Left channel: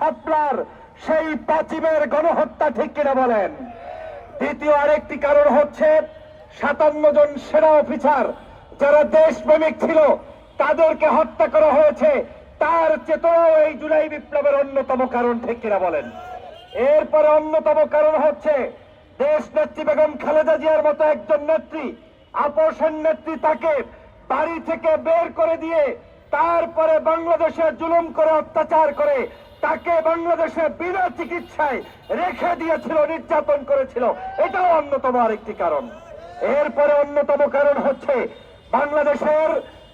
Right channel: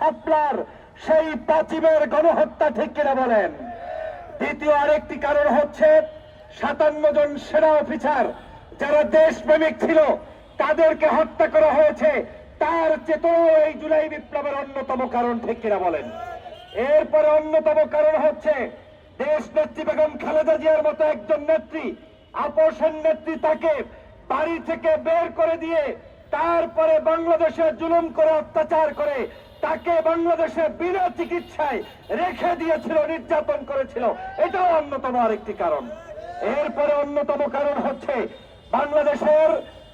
শাপলার সেই পাচিমের গণহত্যা ঠিক কিনা বলেন? দ্বিতীয় আরেকটি কারণ হচ্ছে সাতান্ন জন সেনা অফিসার যারা দেশ দেশপ্রেমিক ছিল, তাদেরকে হত্যা করা হয়েছে। তার চেতনাও এই জুলাই বিপ্লবের অন্যতম কারণ ঠিক কিনা বলেন? এরপরে অন্যতম কারণ হচ্ছে দেশ নেত্রী বেগম খালেদা জিয়ার মতো একজন নেত্রী আপোষের নেত্রী তাকে বাড়ি থেকে বের করে দিয়ে তারপরে বাংলাদেশে জুলুম করে, অত্যাচার করে, তাকে বাংলাদেশে বিনা চিকিৎসায় রেখে দিয়েছিল, নির্যাতন করেছিল। এটাও অন্যতম আরেকটি কারণ। এরপরে অন্যতম কারণ হচ্ছে, বাংলাদেশের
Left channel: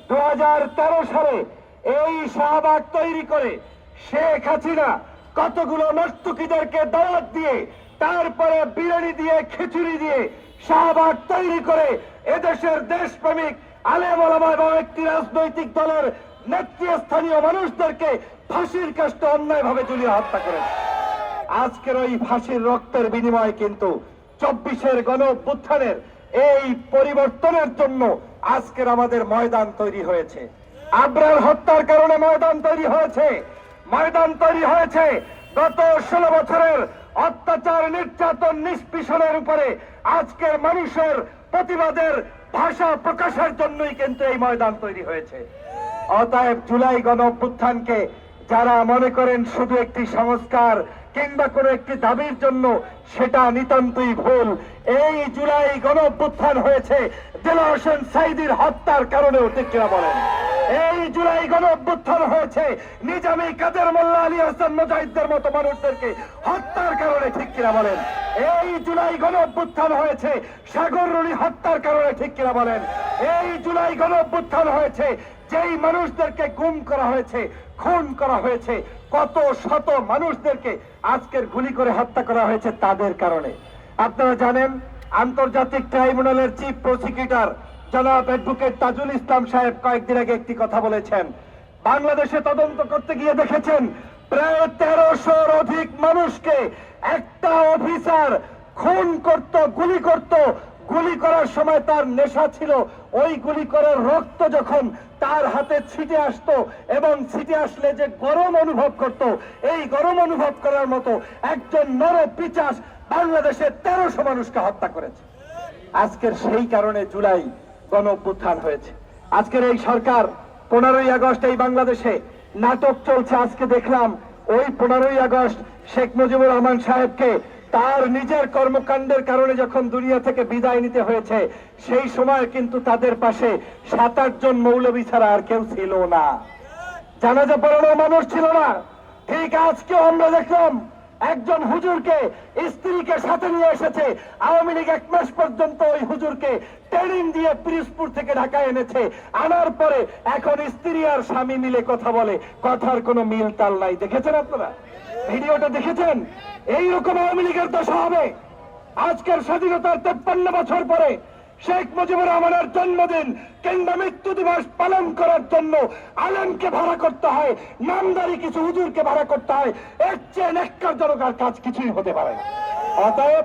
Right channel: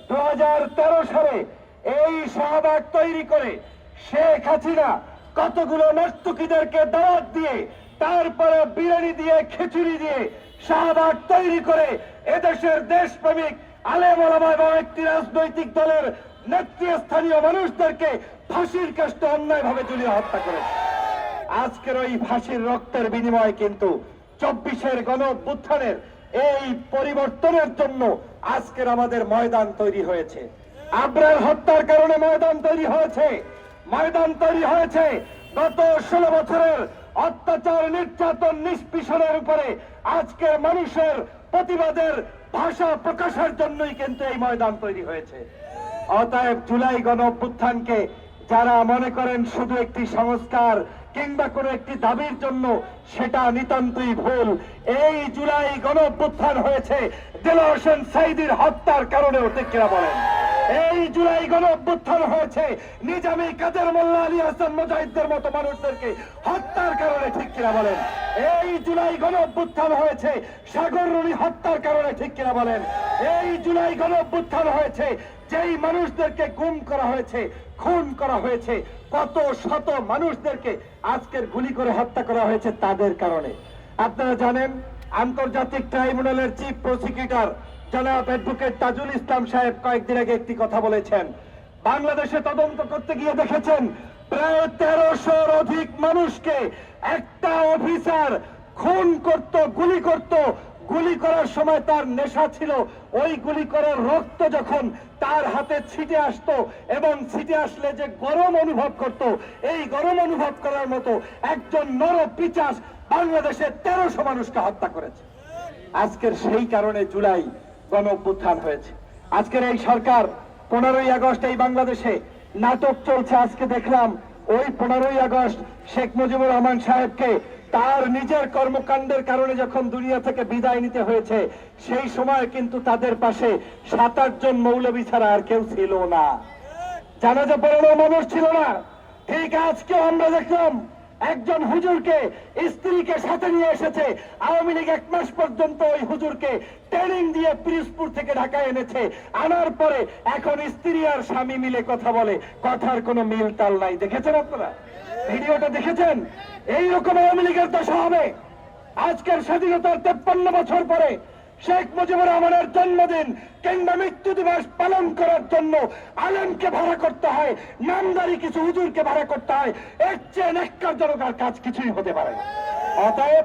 দুহাজার তেরো সালে এই শাহবাগ তৈরি করে শেখ হাসিনা কতগুলো নর্তকীদেরকে দাওয়াত দিয়ে, তারপরে বিরিয়ানি দিয়ে, খিচুড়ি দিয়ে শাহবাগ তৈরি করে এদেশের দেশপ্রেমিক আলেম ওলামা এবং একটি রাজনৈতিক দলের নেতৃস্থানীয় মানুষদেরকে ফাঁসির কাষ্ট অন্যায়ভাবে ঝুলিয়ে হত্যা করে আজকের ওই ফাঁসির রক্তের বিনিময়ে কিন্তু চব্বিশের গণ অভ্যুত্থানের এই পরিবর্তনের জন্য আজকের আমাদের ময়দান তৈরি হয়েছে। আবরার হত্যার কারণে ময়দান তৈরি হয়েছে। ময়দান তৈরি হয়েছে। গত ষোলো বছরের অত্যাচার, নির্যাতন, নিষ্পিষণের উপরে আজকের মানুষের প্রতিবাদের ভাষা প্রকাশের জন্যই কিন্তু এই ময়দান তৈরি হয়েছে। অতএব জুলাই গণ অভ্যুত্থানকে যারা মনে করেন শুধু একটি সংস্কার কিংবা কোনো একটি দাবির জন্য, সেটা নিতান্তই ভুল। এই জুলাই গণ অভ্যুত্থান হয়েছে। দিল হোসেন সাইদির হত্যার কারণে অতিক্রিয়া বলেন। এই জুলাই গণ অভ্যুত্থান হয়েছে। নিজামী কাদের মোল্লা আলী হাসান মুজাহিদদের মতো মানুষদেরকে হত্যার কারণে ঠিক কিনা বলেন? এই জুলাই গণ অভ্যুত্থান হয়েছে, সাগর রুনি হত্যার কারণে ঠিক কিনা বলেন? এই জুলাই গণ অভ্যুত্থান হয়েছে, যেই মানুষদেরকে গুম করা হয়েছে, খুন করা হয়েছে, কত শত মানুষদেরকে আজকের গুলি করে হত্যা করা হয়েছে তাদের কারণে। আপনারা জানেন, আন্তর্জাতিক ট্রাইব্যুনালের চিফ প্রসিকিউটর জনাব অ্যাডভোকেট তাজুল ইসলাম সাহেব কয়েকদিন আগে একটি কথা বলেছেন। বাংলাদেশে তদন্ত করতে গিয়ে দেখেছেন, প্রায় তেরোশোর অধিক মানুষকে একটা অফিসার খুন করত, গুলি করত। গুলি করার সময় তার নেশা ছিল। ওই গুলি করার রক্ত যখন তার হাতে ছিটে আসতো এবং ছিটে আসলে যে গরম অনুভব করত, এই গরম অনুভব করার মতো একজন নর পিচাস বাংলাদেশের তেরোশো মানুষকে হত্যা করেছে। আজকের সেই কারণে জুলাই গণ হয়েছে। আজকের এই সরকার পনেরোই আগস্ট এই বাংলাদেশে নাটক চলছে। আজকে দেখলাম ওই পনেরোই আগস্ট শেখ মুজিবুর রহমান সাহেবকে তার নিজের কর্মকাণ্ডের কারণে যখন দুনিয়া থেকে বিদায় নিতে হয়েছে, সেই সময় কিন্তু তাদের পাশে সাত আটজন মৌলবী ছাড়া আর কেউ ছিল না। জানা জানাজা পড়ানোর মানুষ ছিল না। ঠিক আজকেও আমরা দেখলাম একজন হুজুরকে স্ত্রীকে সাথে নিয়ে এসেছে। আওয়ামী লীগ এক মাস পর্যন্ত ওই হুজুরকে ট্রেনিং দিয়ে পিরিজপুর থেকে ঢাকায় এনেছে। আনার পরে এখন স্ত্রী আর স্বামী মিলে কথা বলে। কথার কোনো মিল তাল নাই। দেখেছেন আপনারা? ভিডিওটা দেখেছেন? এইরকম আওয়ামী লীগের দশা হবে। আজকের স্বাধীনতার তেপ্পান্ন বছর পরে শেখ মুজিবুর রহমানের জন্মদিন কিংবা মৃত্যু দিবস পালন করার জন্য আলমকে ভাড়া করতে হয়, নামদারি কিছু হুজুরকে ভাড়া করতে হয়, এর চেয়ে নেককারজনকার কাজ কিছুই হতে পারে অতএব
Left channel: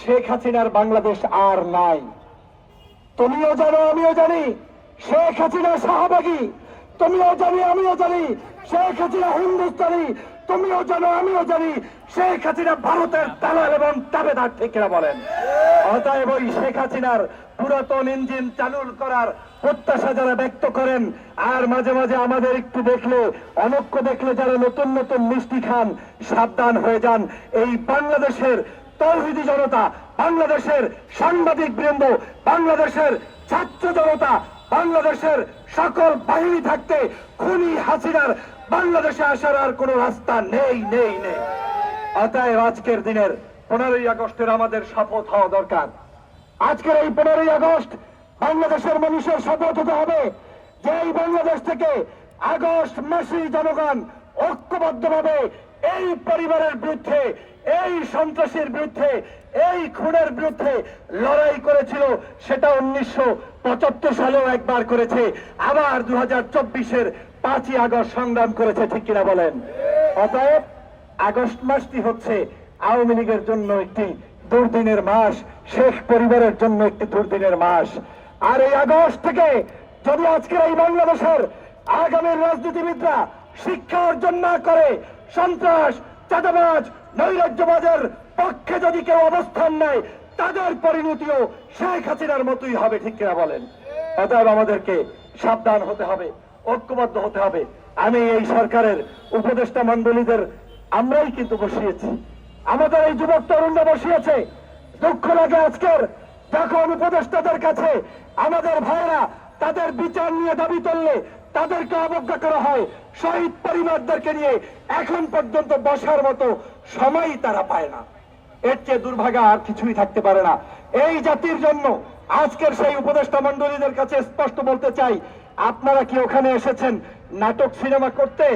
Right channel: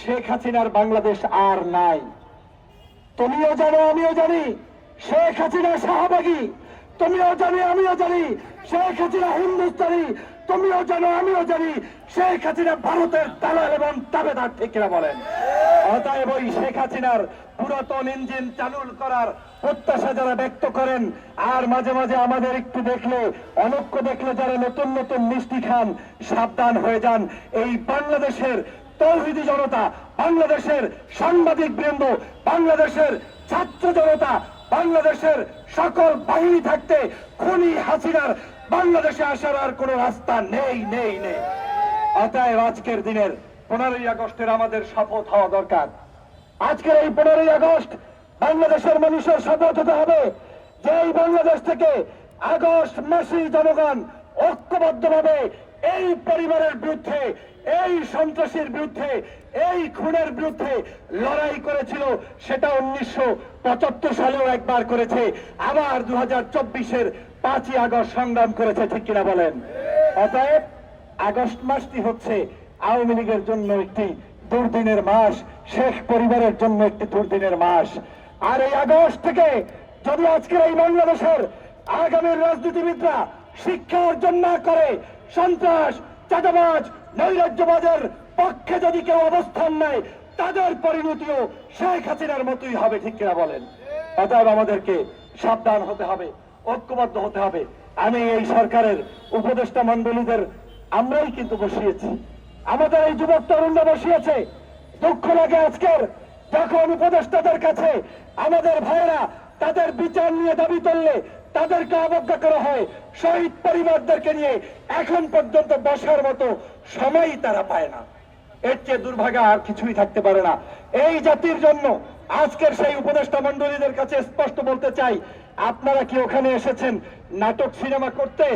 শেখ হাসিনার বাংলাদেশ আর নাই। তুমিও জানো, আমিও জানি, শেখ হাসিনা শাহবাগী তুমিও জানি, আমিও জানি, শেখ হাসিনা হিন্দুস্তানি। তুমিও জানো, আমিও জানি, শেখ হাসিনা ভারতের দালাল এবং তাবেদার ঠিকরা বলেন? অতএব ওই শেখ হাসিনার পুরাতন ইঞ্জিন চালু করার প্রত্যাশা যারা ব্যক্ত করেন, আর মাঝে মাঝে আমাদের একটু দেখলে অনক্য দেখলে যারা নতুন নতুন মিষ্টি খান, সাবধান হয়ে যান। এই বাংলাদেশের তৌহিদি জনতা, বাংলাদেশের সাংবাদিক বৃন্দ, বাংলাদেশের ছাত্র জনতা বাংলাদেশের সকল বাহিনী থাকতে খুনি হাসিনার বাংলাদেশে আসার আর কোনো রাস্তা নেই নেই নেই। অতএব আজকের দিনের পনেরোই আগস্টের আমাদের শপথ হওয়া দরকার। আজকের এই পনেরোই আগস্ট বাংলাদেশের মানুষের শপথ হতে হবে যে এই বাংলাদেশ থেকে আগস্ট মাসেই জনগণ ঐক্যবদ্ধভাবে এই পরিবারের বিরুদ্ধে, এই সন্ত্রাসীর বিরুদ্ধে, এই খুনের বিরুদ্ধে লড়াই করেছিল, সেটা উনিশশো পঁচাত্তর সালেও একবার করেছে। আবার দু হাজার চব্বিশের পাঁচই আগস্ট সংগ্রাম করেছে, ঠিক কিনা বলেন? অতএব, আগস্ট মাসটি হচ্ছে আওয়ামী লীগের জন্য একটি দুর্দিনের মাস, শেখ পরিবারের জন্য একটি দুর্দিনের মাস। আর এই আগস্ট থেকে যদি আজকের এই বাংলাদেশের আগামী রাজনীতিবিদরা শিক্ষা অর্জন না করে সন্ত্রাস, চাঁদাবাজ, নৈরাজ্যবাজের পক্ষে যদি কেউ অবস্থান নেয়, তাদের পরিণতিও শেখ হাসিনার মতোই হবে, ঠিক কিনা বলেন? অতএব আমাদেরকে সাবধান হতে হবে, ঐক্যবদ্ধ হতে হবে। আমি এই সরকারের উপদেষ্টা মন্ডলীদের আমরাই কিন্তু বসিয়েছি। আমাদের এই যুবক তরুণরা বসিয়েছে। দুঃখ লাগে আজকের যখন উপদেষ্টাদের কাছে আমাদের ভাইরা তাদের বিচার নিয়ে দাবি তুললে তাদেরকে অবজ্ঞা করা হয়। শহীদ পরিবারদেরকে নিয়ে এখন পর্যন্ত বসার মতো সময়ই তারা পায় না। এর চেয়ে দুর্ভাগা আর কিছুই থাকতে পারে না। এই জাতির জন্য আজকের সেই উপদেষ্টা মন্ডলীদের কাছে স্পষ্ট বলতে চাই, আপনারা কি ওখানে এসেছেন? নাটক সিনেমা করতে,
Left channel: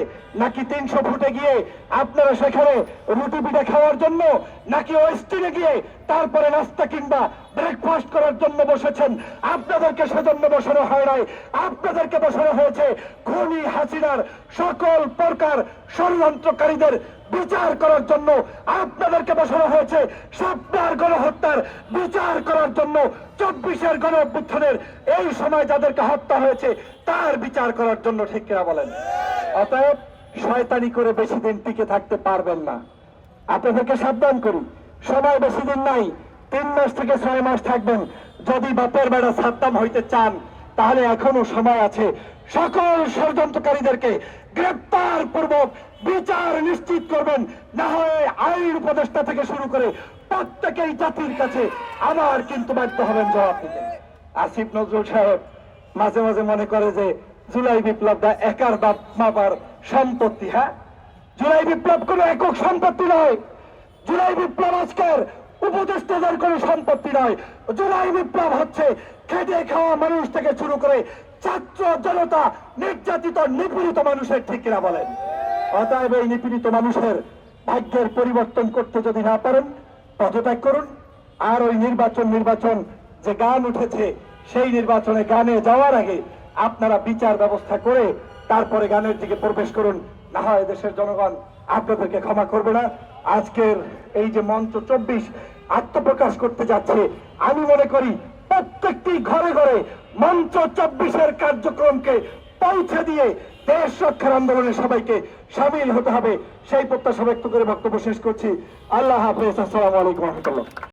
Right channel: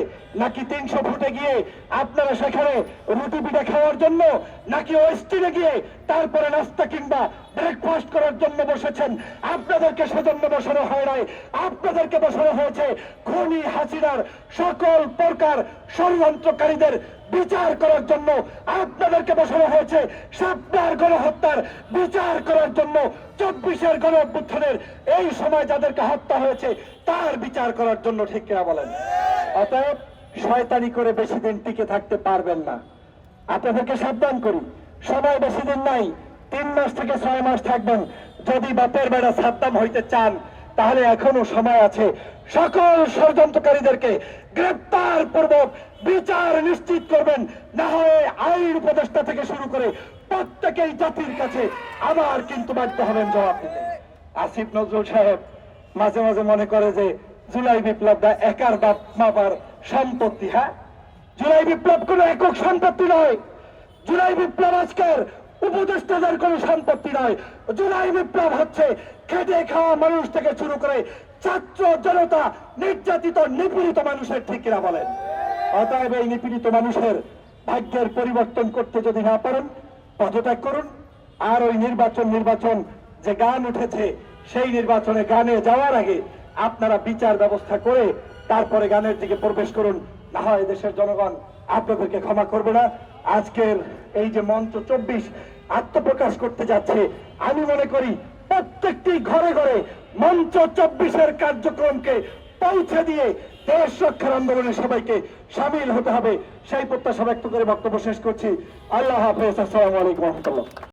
নাকি তিনশো ফুটে গিয়ে আপনারা সেখানে রুটি পিঠা খাওয়ার জন্য, নাকি ওয়েস্টিনে গিয়ে তারপরে নাস্তা কিংবা ব্রেকফাস্ট করার জন্য বসেছেন? আপনাদেরকে সেজন্য বসানো হয় নাই। আপনাদেরকে বসানো হয়েছে খুনি হাসিনার সকল প্রকার ষড়যন্ত্রকারীদের বিচার করার জন্য। আপনাদেরকে বসানো হয়েছে সাপ্তার গণহত্যার বিচার করার জন্য চব্বিশের গণ অভ্যুত্থানের এই সময় যাদেরকে হত্যা হয়েছে তার বিচার করার জন্য ঠিক বলেন? অতএব শয়তানি করে বেশি দিন টিকে থাকতে পারবেন না। আপনাদেরকে সাবধান করি, সময় বেশি দিন নাই, তিন মাস থেকে ছয় মাস থাকবেন। যদি বাপের বেড়া সাদ্দাম হইতে চান, তাহলে এখনও সময় আছে। সকল ষড়যন্ত্রকারীদেরকে গ্রেপ্তার পূর্বক বিচার নিশ্চিত করবেন। না হয় আইন উপদেষ্টা থেকে শুরু করে প্রত্যেকেই জাতির কাছে আবার কিন্তু বাধ্য হবেন জবাব দিতে। আসিফ নজরুল সাহেব মাঝে মাঝে মনে করে যে, জুলাই বিপ্লবটা একার বাপ মাপার সম্পত্তি হ্যাঁ? জুলাই বিপ্লব কোনো একক সম্পত্তি নয়। জুলাই বিপ্লব আজকের উপদেষ্টাদের কোনো সম্পত্তি নয়। জুলাই বিপ্লব হচ্ছে খেটে খাওয়া মানুষ থেকে শুরু করে ছাত্র জনতা, নির্যাতিত, নিপীড়িত মানুষের ঠিক কিনা বলেন? অতএব এই নিপীড়িত মানুষের ভাগ্যের পরিবর্তন করতে যদি না পারেন, পদত্যাগ করুন। আর ওই নির্বাচন নির্বাচন যে গান উঠেছে সেই নির্বাচনে গানে যাওয়ার আগে আপনারা বিচার ব্যবস্থা করে তারপরে গানের দিকে প্রবেশ করুন। না হয় দেশের জনগণ আপনাদেরকে ক্ষমা করবে না। আজকের এই যে মঞ্চ চব্বিশ আত্মপ্রকাশ করতে যাচ্ছে, আমি মনে করি প্রত্যেকটি ঘরে ঘরে মঞ্চ চব্বিশের কার্যক্রমকে পৌঁছে দিয়ে দেশ রক্ষার আন্দোলনে সবাইকে সামিল হতে হবে। সেই প্রত্যাশা ব্যক্ত করে বক্তব্য শেষ করছি। আল্লাহ হাফেজ। আসসালামু আলাইকুম রহমতুল্লাহ।